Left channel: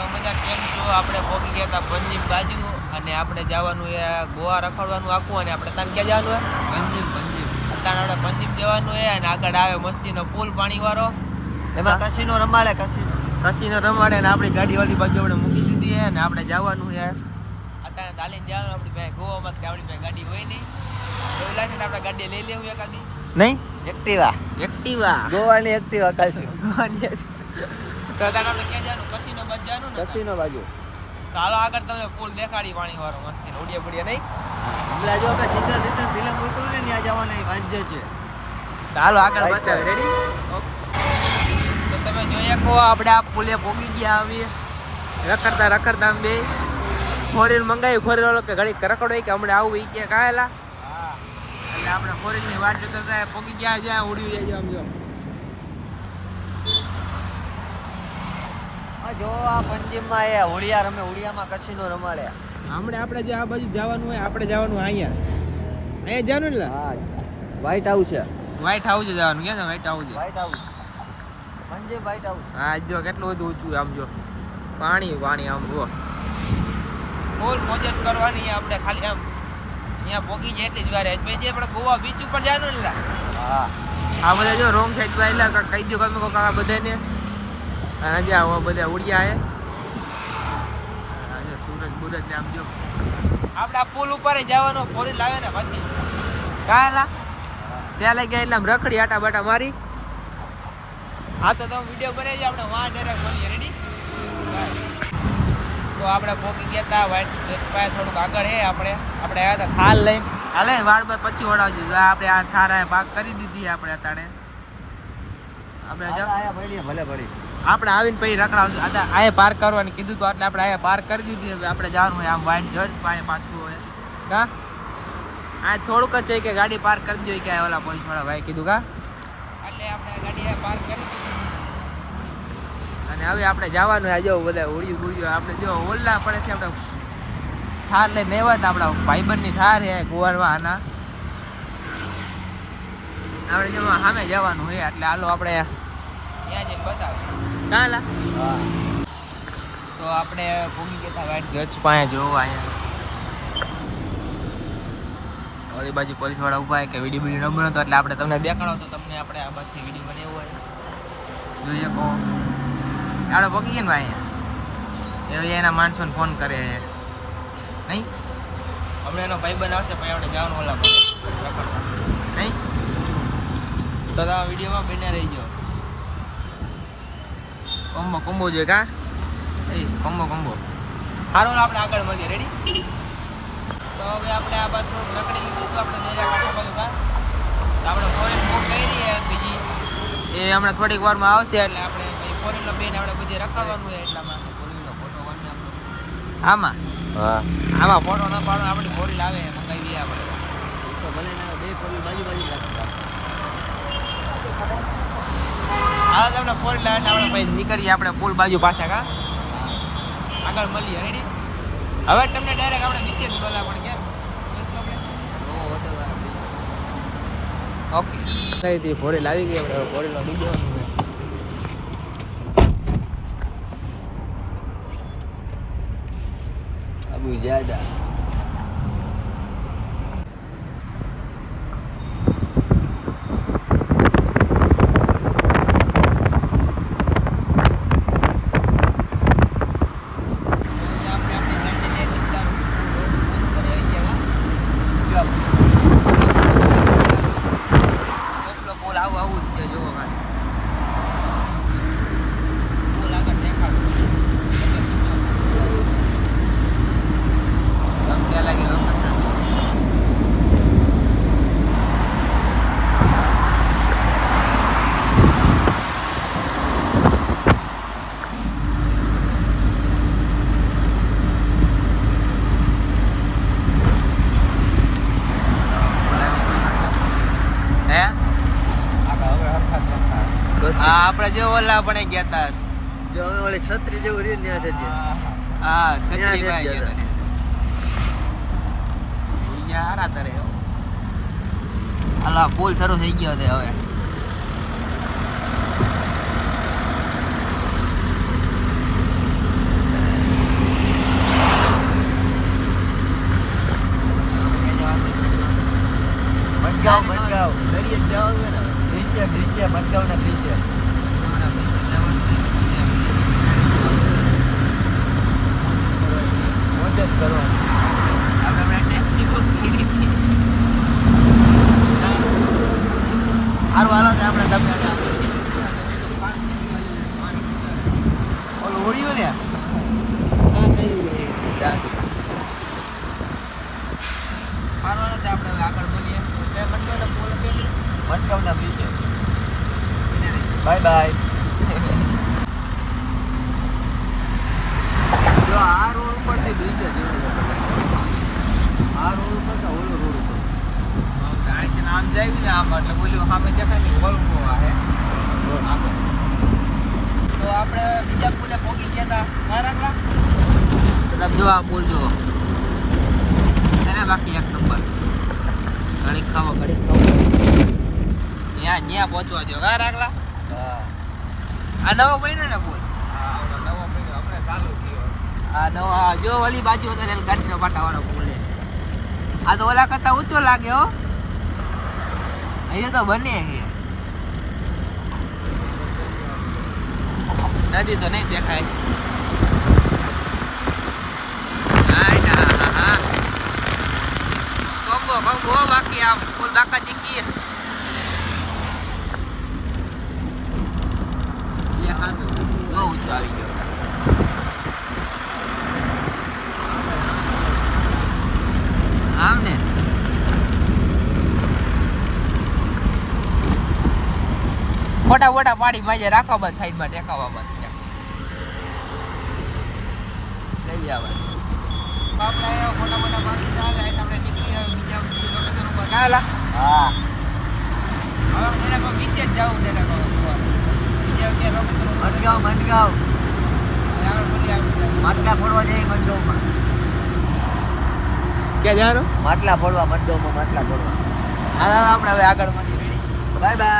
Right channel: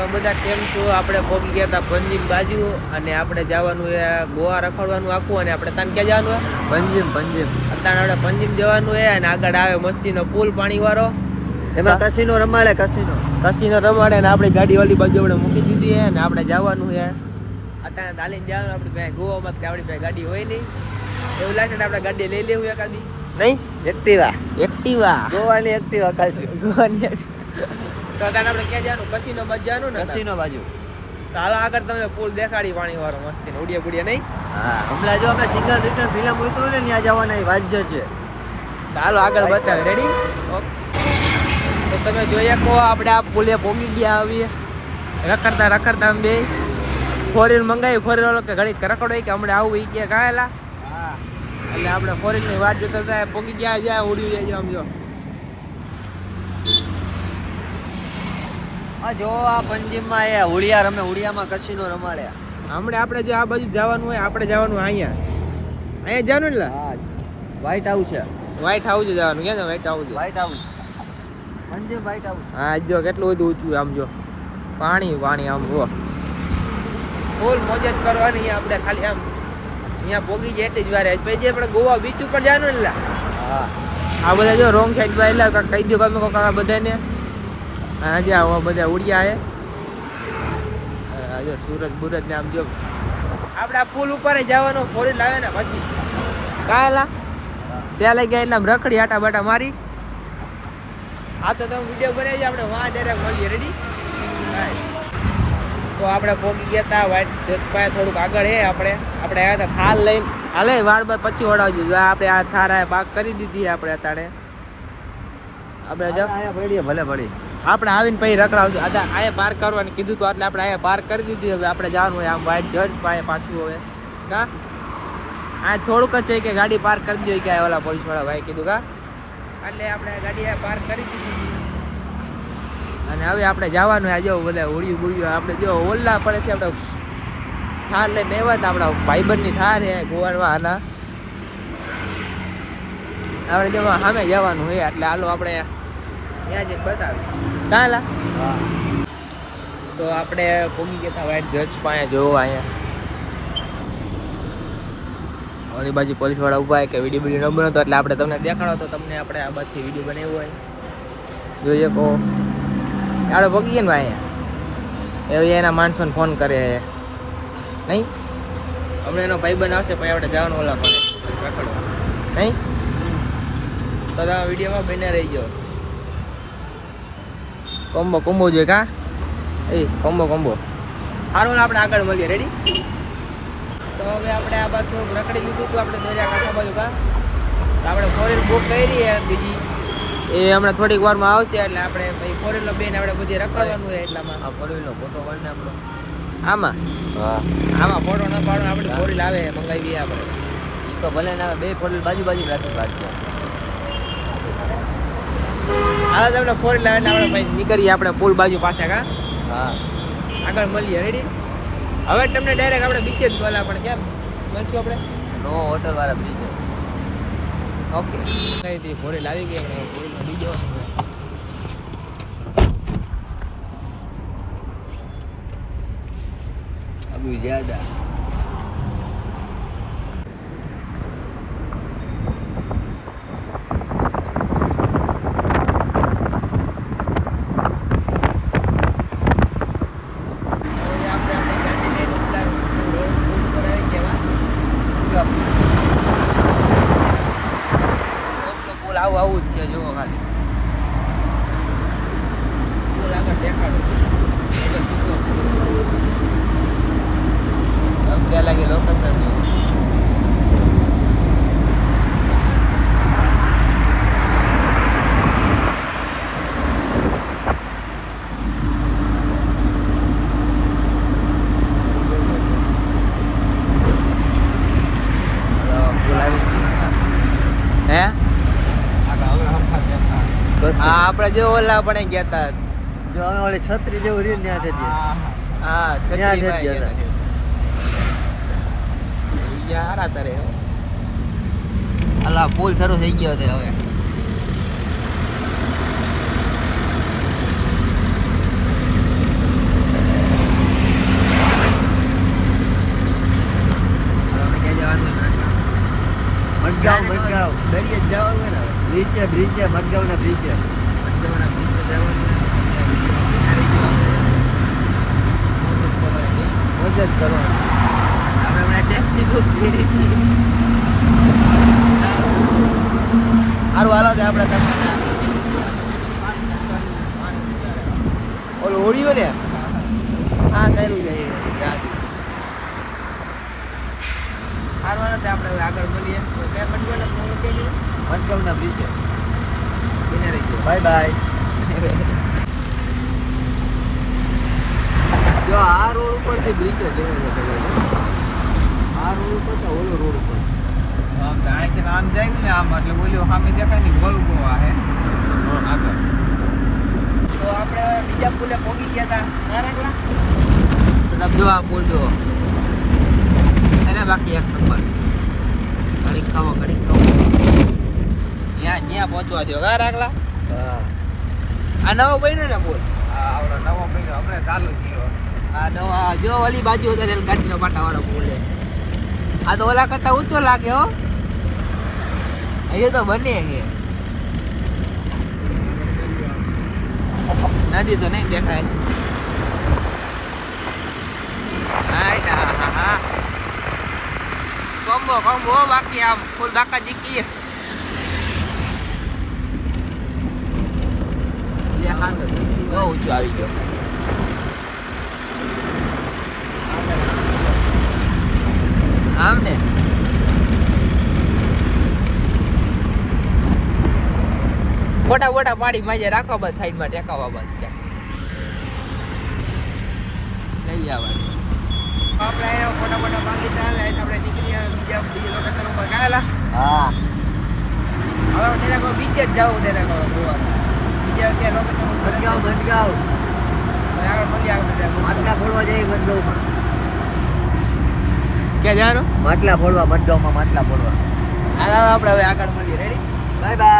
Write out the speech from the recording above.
તમે બધા કેમ છો? આપણે પહોંચી ગયા હતા પંજીમ બાજુ અને આપણે જવાનું છે ગોવા રખડવાનું આખું અને આપણે ત્યાં ક્યાં જવાનું છે પંજીમ. અત્યારે આપણે પંજીમ જવાનું છે અને આગળ આવે મસ્તીનો પુલ પાણીવાળો, એમાં કસીનો રમાડે કસીનો રમાડે અને આપણી ગાડી ઓલી બાજુ આપણે મૂકી દીધી છે અને આપણે જવાનું છે અત્યારે તાલીમ જવાનું. આપણી પાસે ગોવામાં આપણી પાસે ગાડી હોય નહીં, એવું લાગે ને આપણે ગાડી લઈ લેવું એકાદી. નહીં એક્ટિવા ગોવાની એક્ટિવા કાલથી ગોવાની તો આપણે ક્યાં જવાનું? કસીનો બાજુ જવાનું ને, કસીનો બાજુ. તો હાલો આગળ તમને પુલ દેખાડી પાણી વાળો મસ્તી ઉડિયા બુડિયા. નહીં હા, હમણાં જો આપણે સિંગલ રિટર્ન ફિલ્મ ઉતરું ને ત્યાં જવાના વાજ્ય છે. હાલો આગળ બતાવે. તો તમે જોઈ શકો આપણે આ પુલે પહોંચી ગયા આવીએ રખડતા આમ બે ફોરેન મંગાવી. ફોરેન વાળો કે ઘડી રખડો કે હમણાં આવું એ કે ગાયેલા. હા, એટલે આપણે ફોરેનની વાટ જોતા હતા, પહોંચી ગયા જ્યાં ઉડી જાય આમ જો. જો આ પંજીમમાં એ હોળિયા રમે, હોળિયામાં કસીનો રમાડે. હમણાં આપણે જે આ બાજુ જવાનું હોય આપણે જવાનું અહીંયા જવાનું ને. હા, વ્હાઈટ હાઉસ છે. વ્હાઈટ હાઉસ જવાનું. ક્યાં છે white house? Panjim white house. હા જો કેટલું બધું ઊંચું આમ જો, પાણી આમ જો ફૂલ મોજ જ કરવાની. આપણે ખાલી આમ અહીંયા પોગી જાય એટલી જ વારે. પછી આપણે ગોવા બીચ ઉપર જવાનું ને. હા, આ બધા જો રોંગ સાઈડ પર એટલે કહી દો તમે કાકા બધાને. આજે આવા બધા ઉડ્યા છે. આજે સુરત ને આમ જો આપણે આ પુલ ઉપર જવાનું. ફોરી લાવે ને પછી કાયલા ત્યાં લઈ ગયા એના રખડી આટા બાટા મારી. હા તો તમે વિડીયો બનાવી આપણે વાં ડાયરેક્ટ મળીએ. રેડી? તો આપણે પહોંચી ગયા હતા વાઈટ જોતપાય થોડુંક આગળ છે. આપણે આવ્યા હતા થાલ લઈને. હાલે વાળ બાર પછી ઓડાવજો. આપણે આ થાર પાક કરી દીધી આપણે અત્યારે. આપણે ભલે પડી આપણે આવીને પછી રખડાવજો. અહીંયા પાર્ક કરવાનું કીધું તો એટલે આપણે અહીંયા પાર્ક કરી દીધી. હવે આપણે જવાનું હોય આમ વાઈટ જજ પાસે પાછું. હવે ના આ થોડુંક જ છે કે ગાડી પાર્ક કરી દો કે ઓલા પોલીસ વાળા ભાઈ કીધું કા, એટલે આપણે ગાડી પાર્ક કરી દીધી અને હવે આપણે જવાનું. આ જો બધા હોળિયું આપણે જો ઓલા પડે છે. આપણે થાર લઈને આવ્યા હતા, આપણા ભાઈબંધની થાર છે ગોવારમાં. આના આપણે જો સામે જવાનું હોય એટલે હાલો આપણે ત્યાં જ બતાવી કાલા. તો આપણે ઘૂમી ગયા હતા વાઈટ જજ પાસે જોવો. અહીંયા બાજુ પોલીસ વાળા ઉભા કે વિડીયો ન બનતો એટલે આપણે તમને દેખાડો તો તમને આપણે આ બાજુથી વિડીયો બનાવ્યો હોય જોઈએ કહો. આપણે પગી ગયા ને અહીંયા એવી એના માણસોને ફોન કરે નહીં. હમણાં એનો ભાઈબંધ આવશે પછી આપણે જવાનું ઓલા પડે રખડવા. નહીં તો તમે વિડીયોમાં બને રહી ગયો. કોમ્બો જોઈએ કા એ કોમ્બો સારો આપણે આગળ મળીએ. રેડી? તો હવે આપણે આ બાજુ થોડુંક રખડી લીધું હતું આપણે દરિયાકાંઠા બાજુ કા. આપણે ફોરેન બુક કરી બીજી એ હમણાં થોડીક વારમાં આવશે એટલે આપણે પછી ફોરેનનો બેન આપણે બધી રખડવાનું હોય એટલામાં ફોરેનનો ફોટો પાડીને આપણો આમાં ફોટો ન પાડો આપણે ફોરેન આવે મંગાવી દઈએ આપણે. તો ભલે ના બે ફોરેન બાજુ રાખી હા તમને ફોરેન લાવે એટલે આપણે પછી નીકળીએ આપણે પુલ બાજુ પાછા કા. હા, આગળ મળીએ. રેડી? હવે તમને ડાયરેક્ટ આપણે બીચે જ બોલા પણ કેમ મળશું આપણે નો હોટલ વાળા બીજ. ઓકે કઈ ફોરેન આવી ગયો. ફોરેનમાં બીજે અબુ જ્યાદા આવું જ છે. જુઓ ખાલી પુલ આગળ દેખાડો. ક્યાં લાગે લોકેશન જો. આપણે જો ઓલા પણ ગયા હતા છત્રી જેવું રીત ત્યાં છે. હા છત્રી માં ગયા હતા. હારા તરે હાલા પુલ શરૂ થઈ ગયો છે હવે. ઓલો હોળીઓ ને હા કરું જાય હારવાના તે આપણે હવે આગળ મળીએ એટલે મનગોને ફોન કરી મનગોના બ્રિજ એને રહી ગયો બાય બાય જો આ રોડ ઉપરથી બ્રિજ જ જોવાય છે આ રોડ ઉપર કે ઓલો રોડ ઉપર અહીંથી આમ જાય ને આમ એટલે બોલ્યો સામે દેખાય ને બહુ હે તો આપણે બીજા પુલે પહોંચી ગયા હતા ના રેગલા તો તમે જો આ પુલ જો એને બાકી એક નંબર ઘડીક ખાવો ત્યાં પહોંચવા દો કા રાખલા હા આ નવો બન્યો ને પુલ નવો બન્યો આપણે ચાલુ થયો આ નવા જો ઓલી બાજુ વધારે ગાડીનો પાટાવાળો પુલ છે આ તો ઓલા કરતા ઊંચો લાગે હો અહીંયા તો બને છે નાની તો નહીં દેખાય કોમ્બો બાકી આમ ફૂલ બાકા જીકી બહુ ઊંચું આવી ગયો આમ ને ફોટા ફોટા પાડી માજે રાખો બસ સાઈડમાં ટેકાવા બસ લઈ જવાનું આપણે ફોટા ફોટા પાડી આવે આપણે નીકળી આવે બીજા લોકેશન ઉપર ગાયેલા હા હવે જરાક બીચે જ જાવું જરાક બીજા ક્યાં લોકેશન ઉપર મટગાંવ આગળ મળી આવે માટલા ફોડવા જઈએ મટગાંવમાં ક્યાં જવાનું માટલા ફોડવા મટગાંવમાં માટલા ફોડવા આપણે હવે આગળ મળીએ રેડી બાય બાય